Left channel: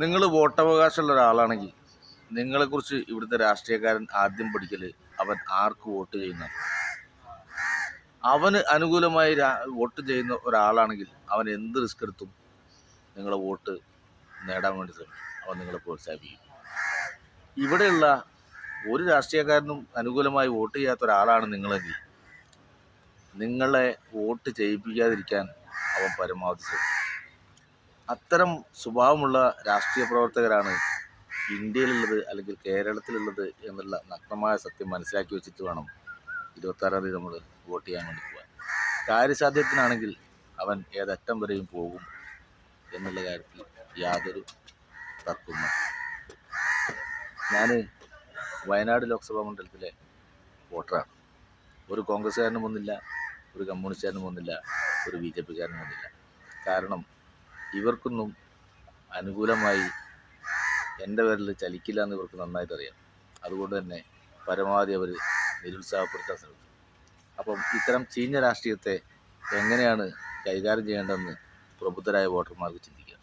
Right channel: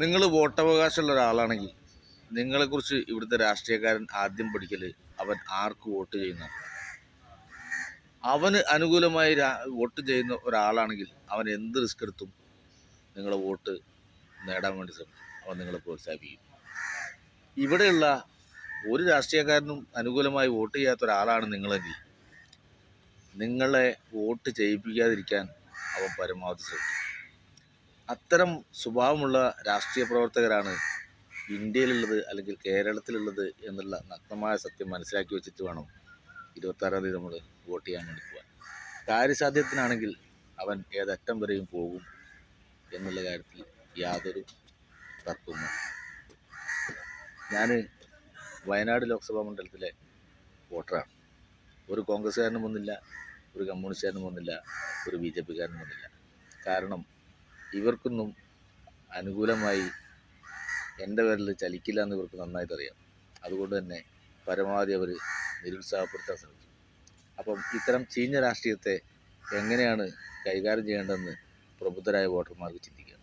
നിങ്ങൾ വോട്ടവകാശമുള്ള ഒരാളാണെങ്കിൽ നിങ്ങളെക്കുറിച്ച് ഇവിടുത്തെ രാഷ്ട്രീയക്കാരൻ ആദ്യം പഠിക്കൽ അവൻ ആർക്ക് വോട്ട് ചെയ്യുന്ന. അവന് അനുകൂലമായി വോട്ട് ചെയ്യുന്ന ഒരാളാണെങ്കിൽ അവൻ എന്ത് റിസ്ക് എടുത്തും നിങ്ങളെ വോട്ട് നേടാൻ വേണ്ടി ശ്രമിക്കും. അവൻ നിങ്ങളെ പ്രോത്സാഹിപ്പിക്കും. ഇവിടെയുള്ള ഒരു രാഷ്ട്രീയക്കാരനും അനുകൂലമായി വോട്ട് ചെയ്യാത്ത ഒരാളാണ് നിങ്ങളെങ്കിൽ നിങ്ങളെ വോട്ട് ചെയ്യിപ്പിക്കാതിരിക്കാൻ അവൻ പരമാവധി ശ്രമിക്കും. അത്തരം സ്വഭാവമുള്ള രാഷ്ട്രീയ പ്രവർത്തകരാണ് ഇന്ത്യയിലുള്ളത് അല്ലെങ്കിൽ കേരളത്തിലുള്ളത് എന്നുള്ള നഗ്നമായ സത്യം മനസ്സിലാക്കി വെച്ചിട്ട് വേണം 26-ാം തീയതി നമ്മൾ വോട്ട് ചെയ്യാൻ വേണ്ടി പോകാൻ. കാര്യസാധ്യത്തിനാണെങ്കിൽ അവൻ ഏതറ്റം വരെയും പോകും എന്നുള്ള കാര്യത്തിൽ യാതൊരു തർക്കവും. ഞാൻ വയനാട് ലോക്സഭാ മണ്ഡലത്തിലെ വോട്ടറാണ്. ഒരു കോൺഗ്രസ്സുകാരനും വന്നില്ല, ഒരു കമ്മ്യൂണിസ്റ്റുകാരനും വന്നില്ല, ഒരു BJP കാരനും വന്നില്ല. കാരണം ഇവർക്കൊന്നും അനുകൂലമായി എൻ്റെ പേരിൽ ചലിക്കില്ല എന്ന് ഇവർക്ക് നന്നായിട്ട് അറിയാം. അതുകൊണ്ട് തന്നെ പരമാവധി അവർ നിരുത്സാഹപ്പെടുത്താൻ ശ്രമിച്ചു. അപ്പം ഇത്തരം ചീഞ്ഞ രാഷ്ട്രീയത്തെ എങ്ങനെയാണ് കൈകാര്യം ചെയ്യേണ്ടതെന്ന് പ്രബുദ്ധരായ വോട്ടർമാർക്ക് ചിന്തിക്കുക.